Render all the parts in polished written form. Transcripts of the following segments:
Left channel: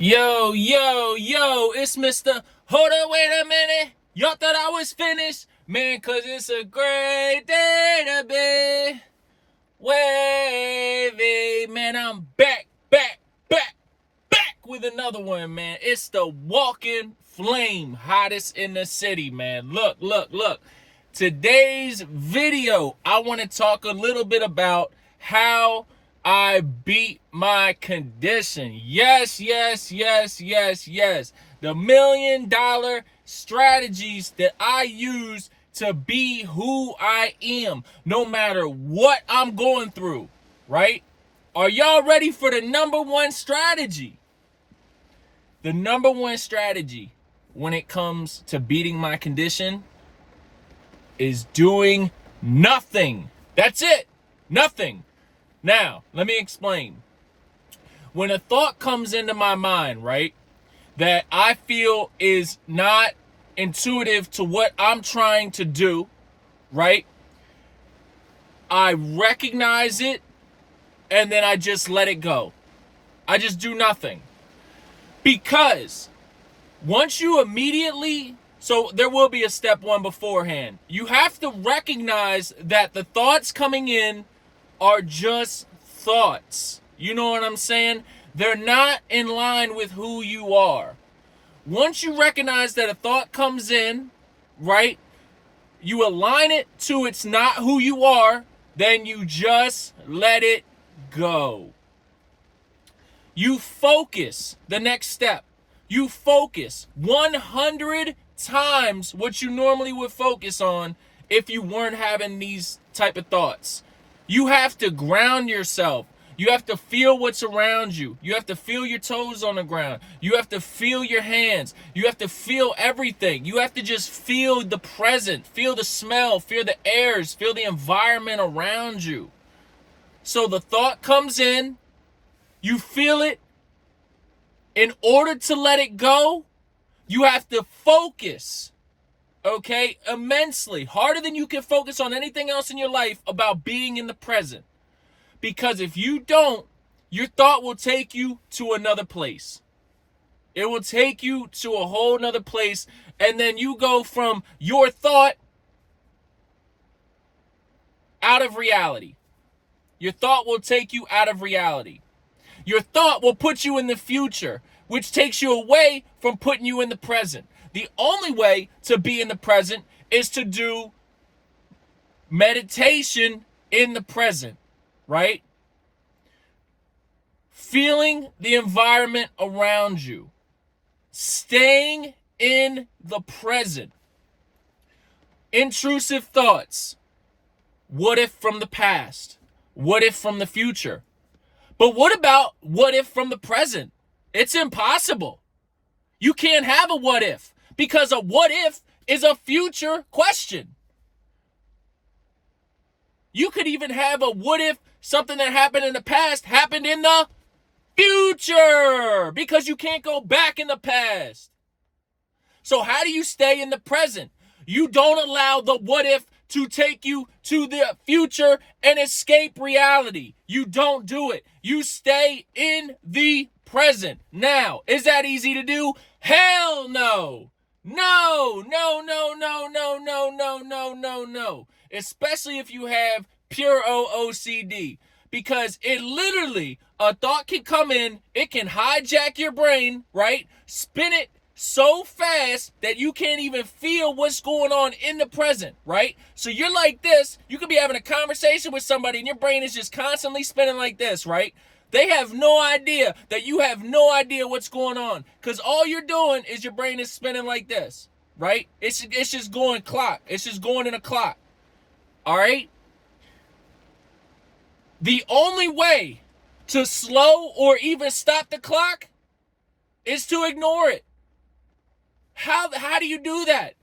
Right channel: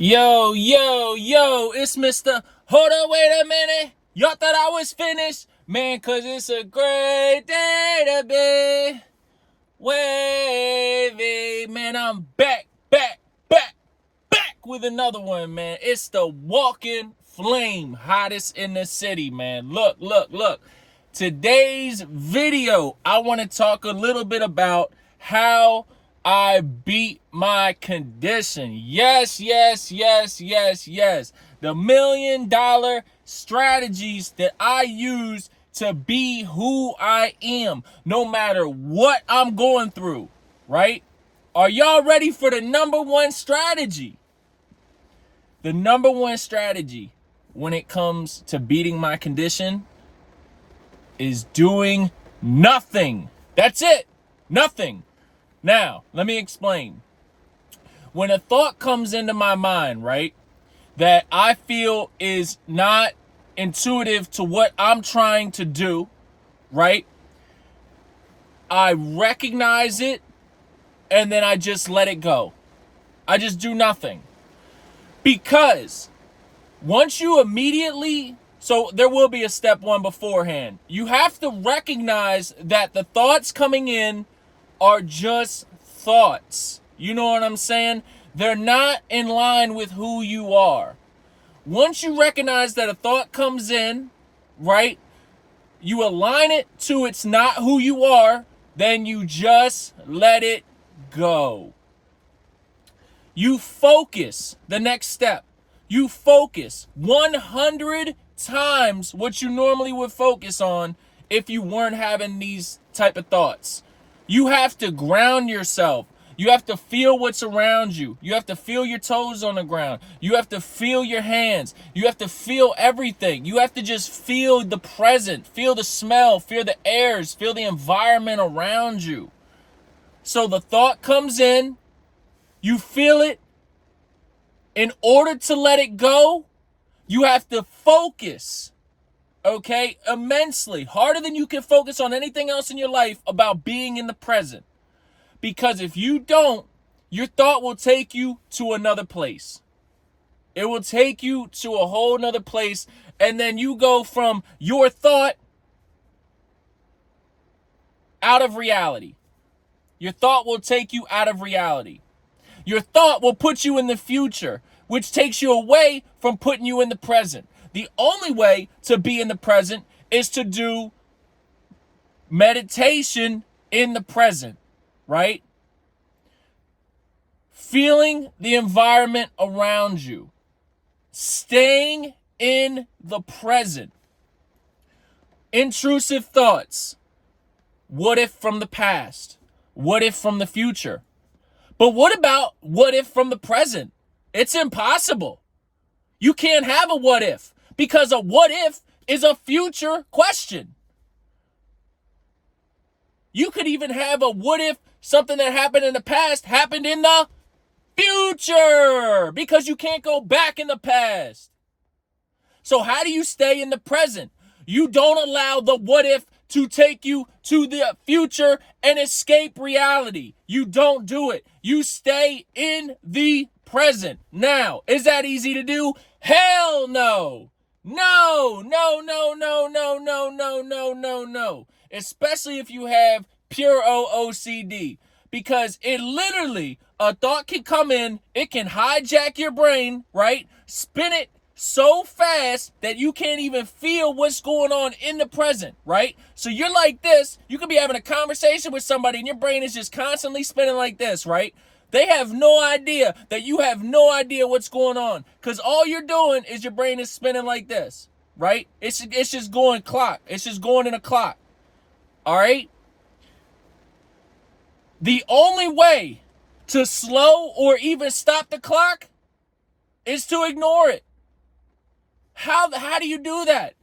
Yo, it's Mr. Hold on, wait a minute. Y'all thought I was finished? Man, cause it's a great day to be wavy. Man, I'm back with another one, man. It's the Walking Flame, hottest in the city, man. Look. Today's video, I want to talk a little bit about how I beat my condition. Yes. The $1,000,000 strategies that I use to be who I am, no matter what I'm going through, right? Are y'all ready for the number one strategy? The number one strategy when it comes to beating my condition is doing nothing. That's it. Nothing. Now, let me explain. When a thought comes into my mind, right, that I feel is not intuitive to what I'm trying to do, right, I recognize it and then I just let it go. I just do nothing. Because once you immediately, so there will be a step one beforehand. You have to recognize that the thoughts coming in are just thoughts. You know what I'm saying? They're not in line with who you are. Once you recognize that a thought comes in, right, you align it to it's not who you are, then you just let it go. You focus, the next step. You focus 100 times what you normally would focus on if you weren't having these type of thoughts. You have to ground yourself. You have to feel what's around you. You have to feel your toes on the ground. You have to feel your hands. You have to feel everything. You have to just feel the present, feel the smell, feel the airs, feel the environment around you. So the thought comes in, you feel it. In order to let it go, you have to focus, okay, immensely, harder than you can focus on anything else in your life about being in the present. Because if you don't, your thought will take you to another place. It will take you to a whole nother place, and then you go from your thought out of reality. Your thought will take you out of reality. Your thought will put you in the future, which takes you away from putting you in the present. The only way to be in the present is to do meditation in the present, right? Feeling the environment around you. Staying in the present. Intrusive thoughts. What if from the past? What if from the future? But what about what if from the present? It's impossible. You can't have a what if, because a what if is a future question. You could even have a what if something that happened in the past happened in the future, because you can't go back in the past. So how do you stay in the present? You don't allow the what if to take you to the future and escape reality. You don't do it. You stay in the present. Now, is that easy to do? Hell no. No. Especially if you have pure OCD. Because it literally, a thought can come in, it can hijack your brain, right? Spin it so fast that you can't even feel what's going on in the present, right? So you're like this, you could be having a conversation with somebody and your brain is just constantly spinning like this, right? They have no idea that you have no idea what's going on, because all you're doing is your brain is spinning like this, right? It's just going clock. It's just going in a clock, all right? The only way to slow or even stop the clock is to ignore it. How do you do that?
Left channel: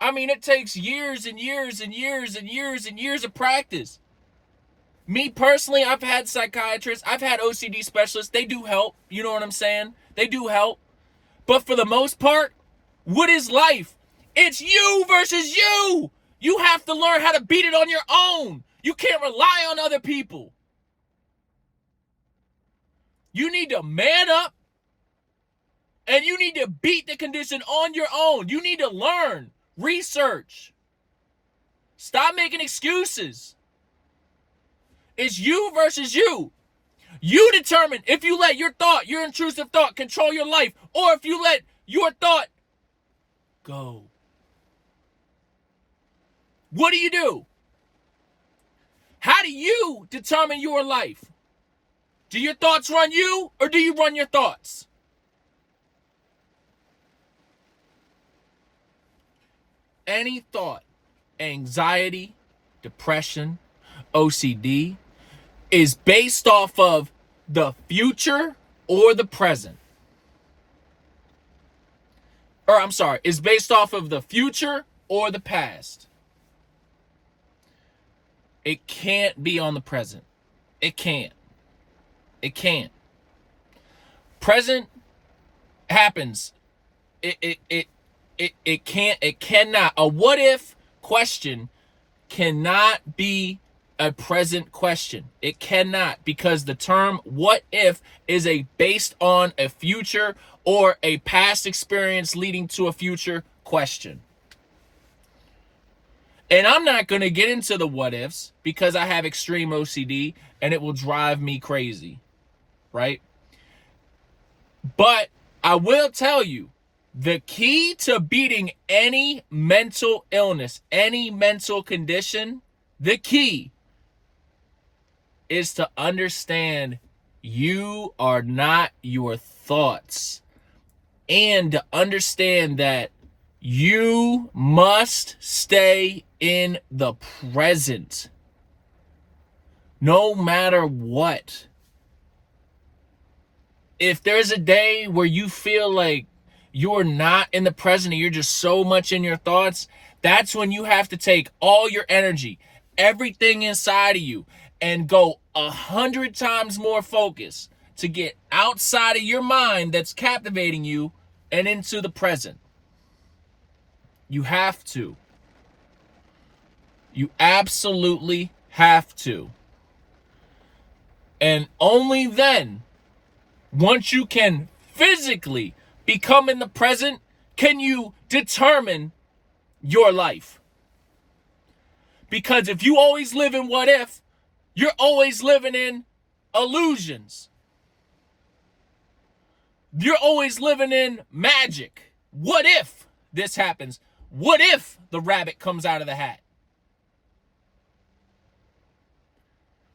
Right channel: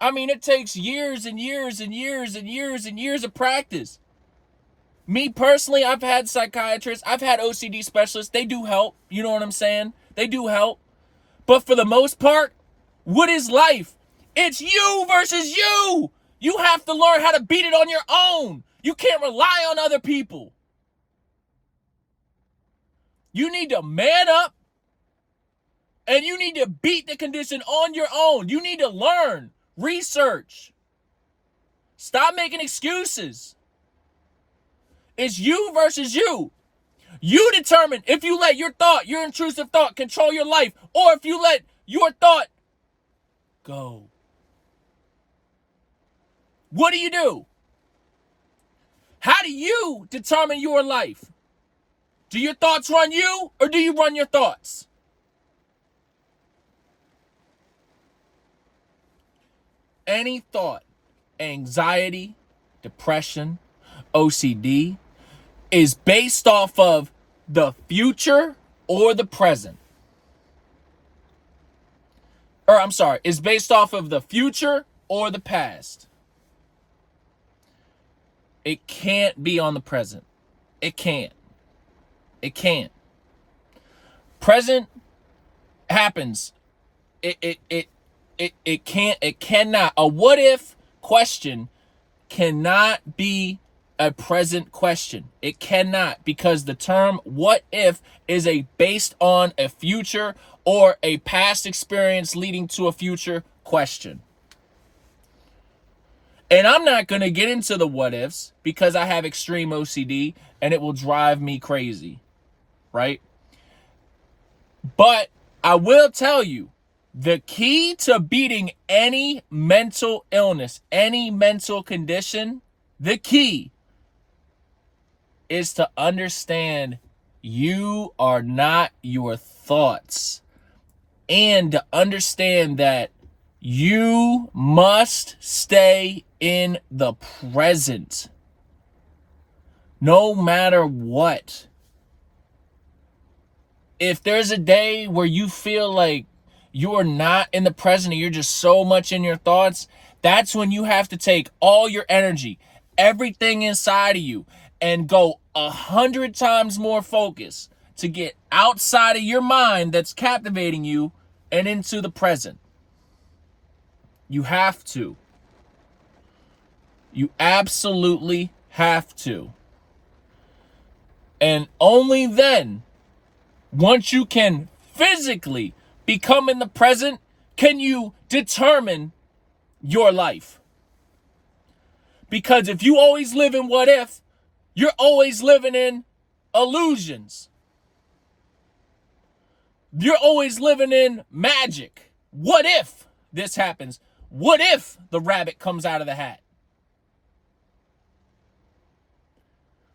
I mean, it takes years and years of practice. Me personally, I've had psychiatrists, I've had OCD specialists. They do help. You know what I'm saying? They do help. But for the most part, what is life? It's you versus you. You have to learn how to beat it on your own. You can't rely on other people. You need to man up And you need to beat the condition on your own. You need to learn, research. Stop making excuses. It's you versus you. You determine if you let your intrusive thought control your life, or if you let your thought go. What do? How do you determine your life? Do your thoughts run you, or do you run your thoughts? Any thought, anxiety, depression, OCD, is based off of the future or the present. Or I'm sorry, is based off of the future or the past. It can't be on the present. It can't. It can't. Present happens. It can't, it cannot. A what if question cannot be a present question. It cannot, because the term what if is based on a future or a past experience leading to a future question. And I'm not going to get into the what ifs because I have extreme OCD and it will drive me crazy, right? But I will tell you, the key to beating any mental illness, any mental condition, the key is to understand you are not your thoughts, and to understand that you must stay in the present no matter what. If there's a day where you feel like you're not in the present and you're just so much in your thoughts, that's when you have to take all your energy, everything inside of you, and go 100 times more focus to get outside of your mind that's captivating you and into the present. You have to. You absolutely have to. And only then, once you can physically become in the present, can you determine your life. Because if you always live in what if, you're always living in illusions. You're always living in magic. What if this happens? What if the rabbit comes out of the hat?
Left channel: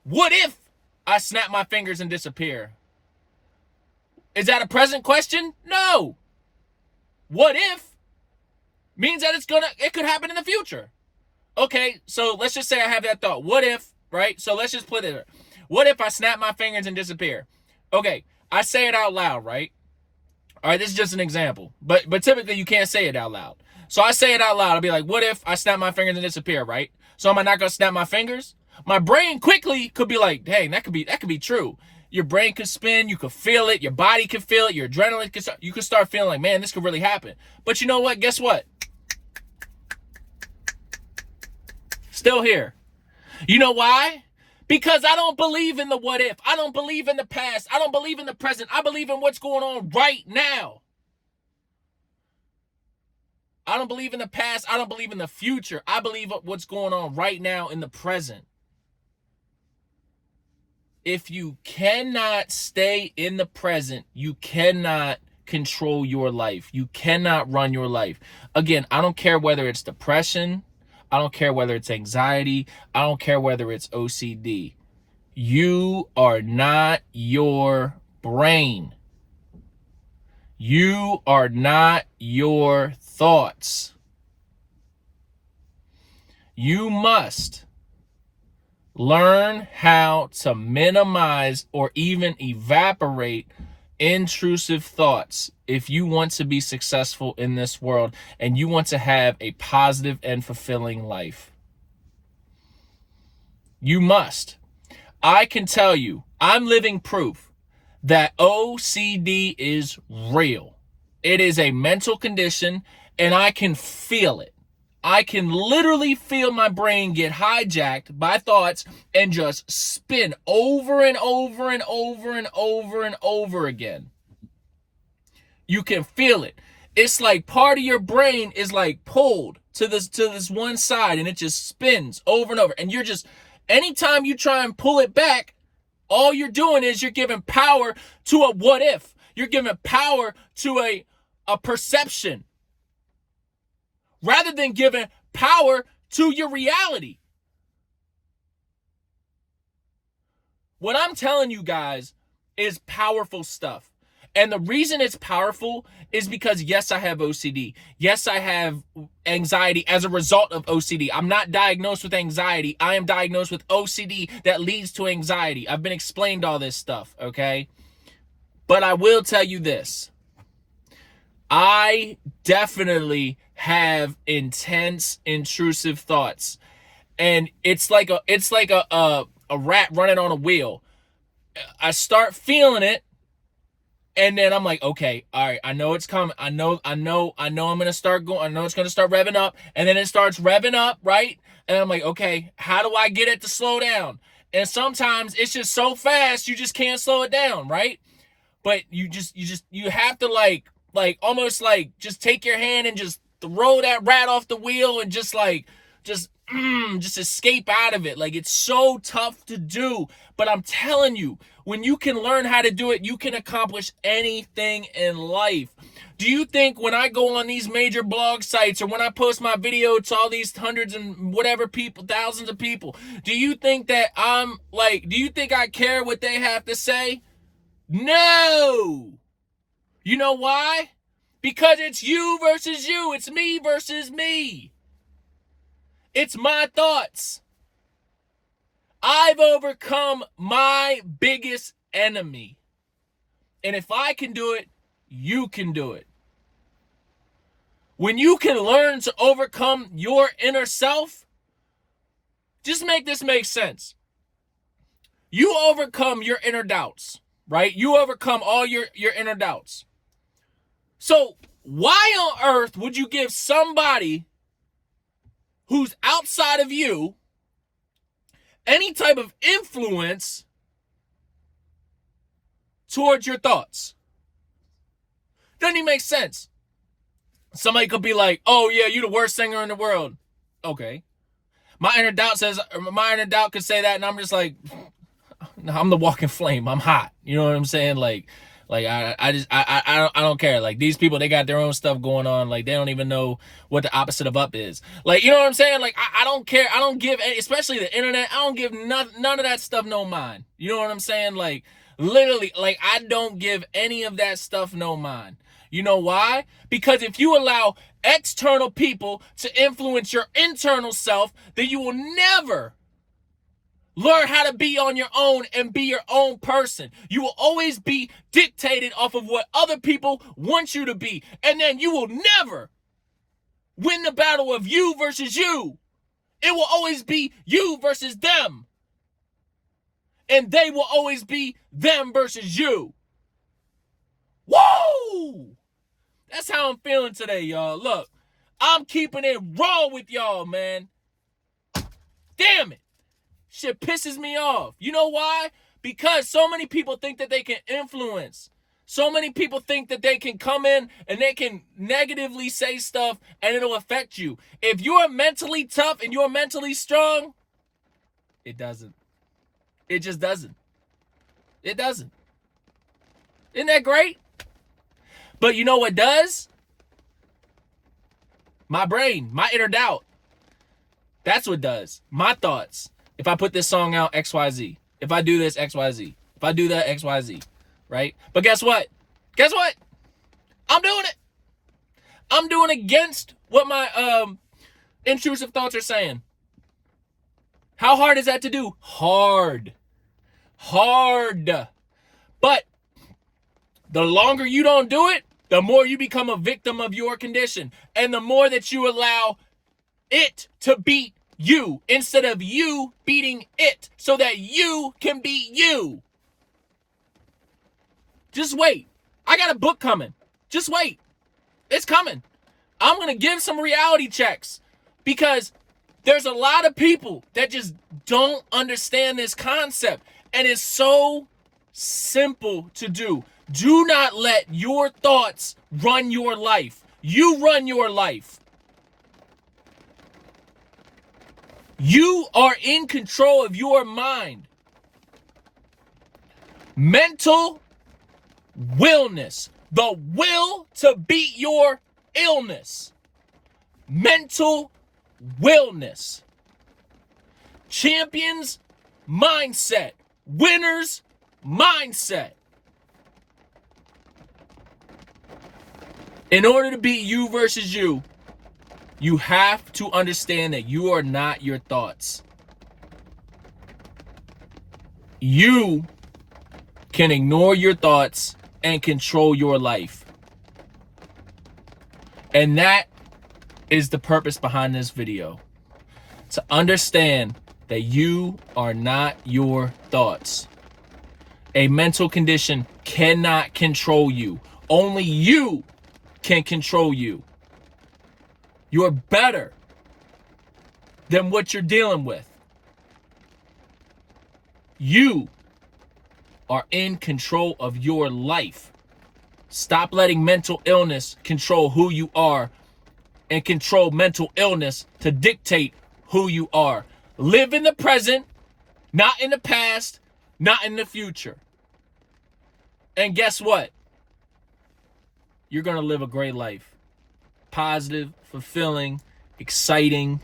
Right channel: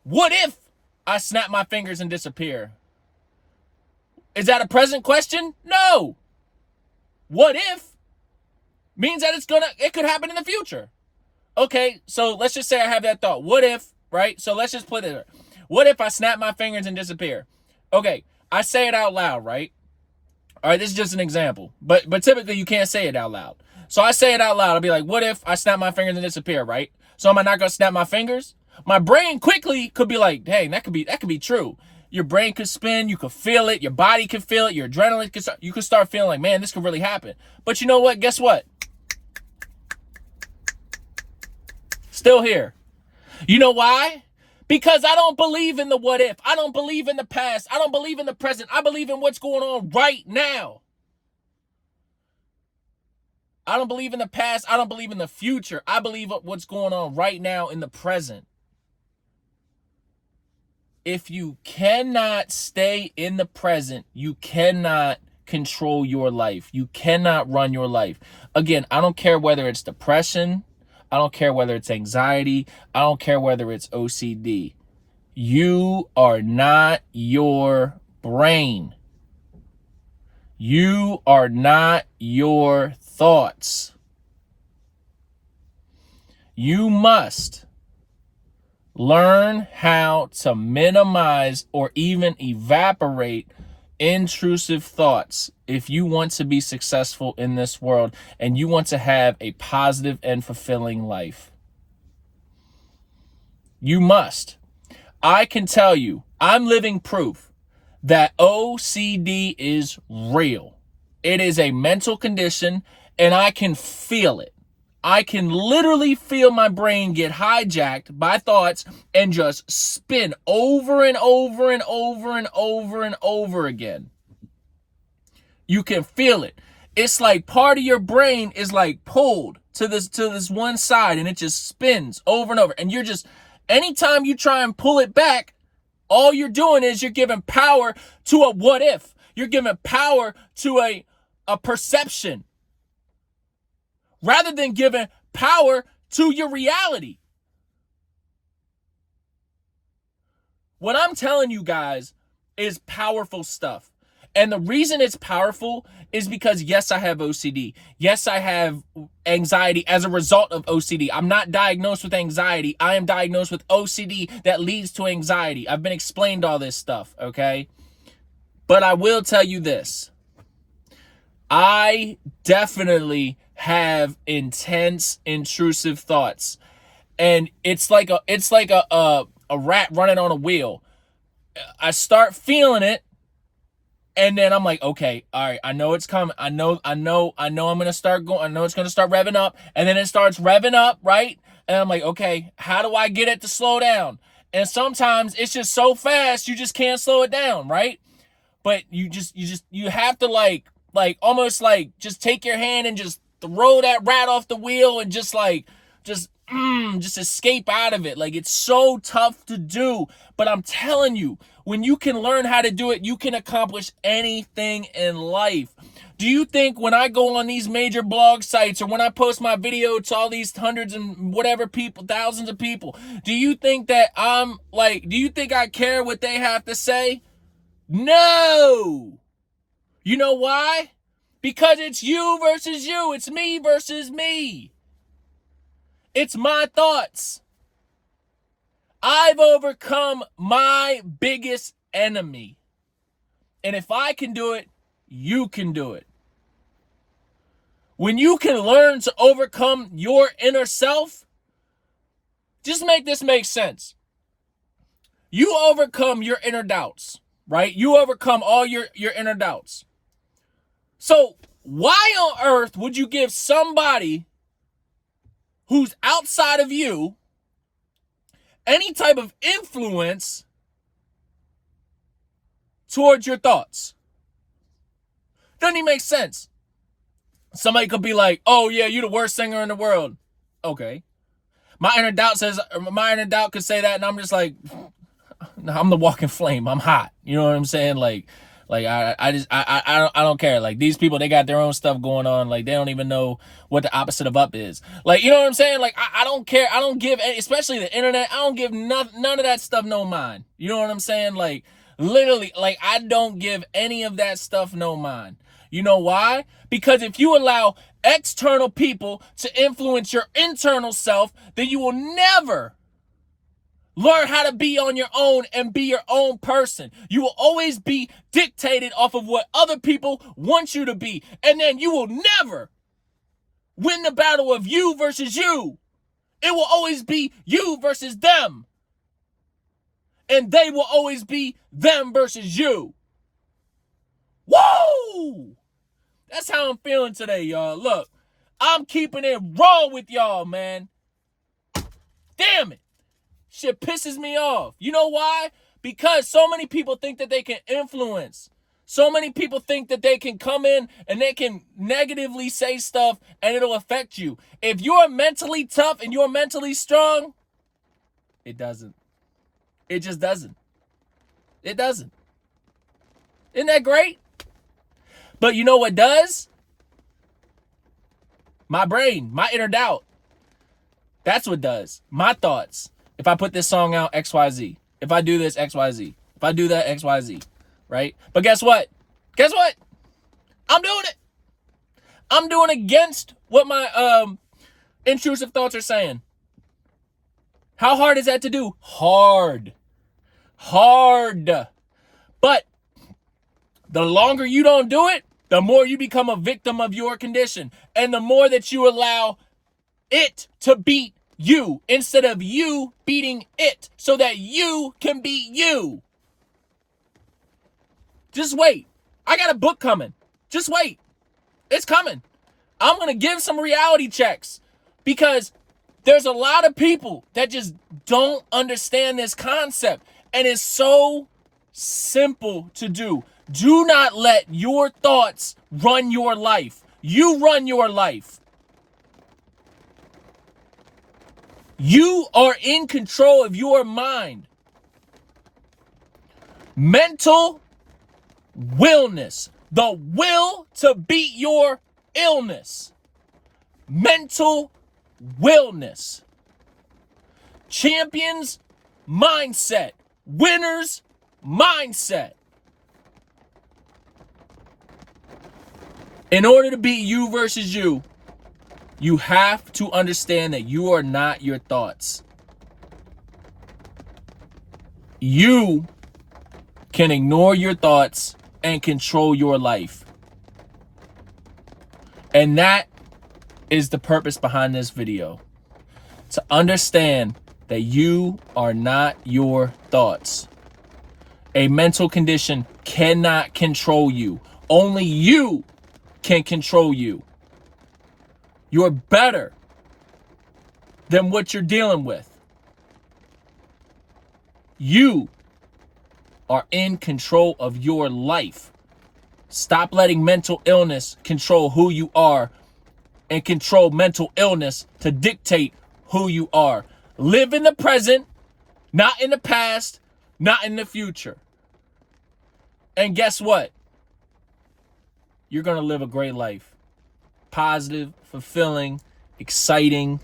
What if I snap my fingers and disappear? Is that a present question? No. What if means that it could happen in the future. Okay, so let's just say I have that thought. What if, right? So let's just put it there. What if I snap my fingers and disappear? Okay, I say it out loud, right? All right, this is just an example. But typically you can't say it out loud. So I say it out loud. I'll be like, what if I snap my fingers and disappear, right? So am I not going to snap my fingers? My brain quickly could be like, hey, that could be true. Your brain could spin, you could feel it, your body could feel it, your adrenaline could start, you could start feeling like, man, this could really happen. But you know what? Guess what? Still here. You know why? Because I don't believe in the what if. I don't believe in the past. I don't believe in the present. I believe in what's going on right now. I don't believe in the past. I don't believe in the future. I believe what's going on right now in the present. If you cannot stay in the present, you cannot control your life. You cannot run your life. Again, I don't care whether it's depression. I don't care whether it's anxiety. I don't care whether it's OCD. You are not your brain. You are not your thoughts. You must learn how to minimize or even evaporate intrusive thoughts if you want to be successful in this world and you want to have a positive and fulfilling life. You must. I can tell you, I'm living proof that OCD is real. It is a mental condition and I can feel it. I can literally feel my brain get hijacked by thoughts and just spin over and over and over and over and over again. You can feel it. It's like part of your brain is like pulled to this one side, and it just spins over and over. And you're just, anytime you try and pull it back, all you're doing is you're giving power to a what if. You're giving power to a perception rather than giving power to your reality. What I'm telling you guys is powerful stuff. And the reason it's powerful is because, yes, I have OCD. Yes, I have anxiety as a result of OCD. I'm not diagnosed with anxiety. I am diagnosed with OCD that leads to anxiety. I've been explained all this stuff, okay? But I will tell you this. I definitely have intense, intrusive thoughts. And it's like a rat running on a wheel. I start feeling it, and then I'm like, okay, all right, I know it's coming. I know I'm gonna start going. I know it's gonna start revving up, and then it starts revving up, right? And I'm like, okay, how do I get it to slow down? And sometimes it's just so fast you just can't slow it down, right? But you have to like almost like just take your hand and just throw that rat off the wheel and just escape out of it. Like, it's so tough to do, but I'm telling you, when you can learn how to do it, you can accomplish anything in life. Do you think when I go on these major blog sites or when I post my video to all these hundreds and whatever people, thousands of people, do you think that do you think I care what they have to say? No. You know why? Because it's you versus you. It's me versus me. It's my thoughts. I've overcome my biggest enemy. And if I can do it, you can do it. When you can learn to overcome your inner self, just make this make sense. You overcome your inner doubts, right? You overcome all your inner doubts. So why on earth would you give somebody who's outside of you any type of influence towards your thoughts? Doesn't even make sense. Somebody could be like, oh yeah, you're the worst singer in the world. Okay. My inner doubt could say that, and I'm just like, I'm the walking flame. I'm hot. You know what I'm saying? Like I don't care. Like, these people, they got their own stuff going on. Like, they don't even know what the opposite of up is. Like, you know what I'm saying? Like, I don't care. I don't give, especially the internet, I don't give none of that stuff no mind. You know what I'm saying? Like, literally, like, I don't give any of that stuff no mind. You know why? Because if you allow external people to influence your internal self, then you will never learn how to be on your own and be your own person. You will always be dictated off of what other people want you to be. And then you will never win the battle of you versus you. It will always be you versus them. And they will always be them versus you. Whoa! That's how I'm feeling today, y'all. Look, I'm keeping it raw with y'all, man. Damn it. Shit pisses me off. You know why? Because so many people think that they can influence. So many people think that they can come in and they can negatively say stuff and it'll affect you. If you're mentally tough and you're mentally strong, it doesn't. It just doesn't. It doesn't. Isn't that great? But you know what does? My brain, my inner doubt. That's what does. My thoughts. If I put this song out, XYZ. If I do this, XYZ. If I do that, XYZ. Right? But guess what? Guess what? I'm doing it. I'm doing against what my intrusive thoughts are saying. How hard is that to do? Hard. But the longer you don't do it, the more you become a victim of your condition. And the more that you allow it to beat you instead of you beating it so that you can beat you. Just wait. I got a book coming. Just wait. It's coming. I'm going to give some reality checks because there's a lot of people that just don't understand this concept. And it's so simple to do. Do not let your thoughts run your life. You run your life. You are in control of your mind. Mental willness. The will to beat your illness. Mental willness. Champions mindset. Winners mindset. In order to beat you versus you, you have to understand that you are not your thoughts. You can ignore your thoughts and control your life. And that is the purpose behind this video. To understand that you are not your thoughts. A mental condition cannot control you. Only you can control you. You're better than what you're dealing with. You are in control of your life. Stop letting mental illness control who you are and control mental illness to dictate who you are. Live in the present, not in the past, not in the future. And guess what? You're going to live a great life. Positive, fulfilling, exciting.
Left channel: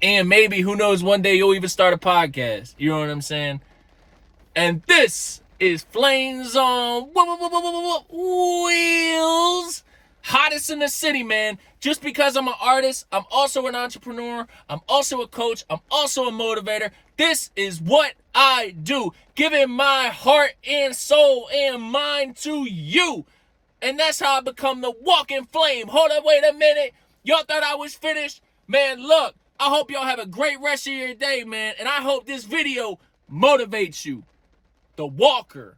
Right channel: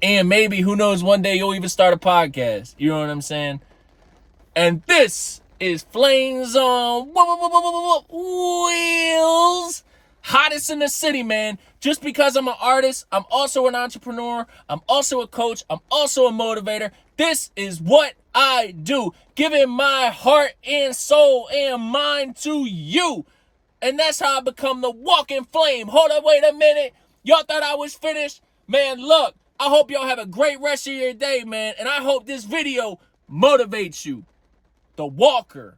And maybe, who knows, one day you'll even start a podcast. You know what I'm saying? And this is Flames on Wheels. Hottest in the city, man. Just because I'm an artist, I'm also an entrepreneur. I'm also a coach. I'm also a motivator. This is what I do. Giving my heart and soul and mind to you. And that's how I become the walking flame. Hold up, wait a minute. Y'all thought I was finished? Man, look, I hope y'all have a great rest of your day, man. And I hope this video motivates you. The Walker.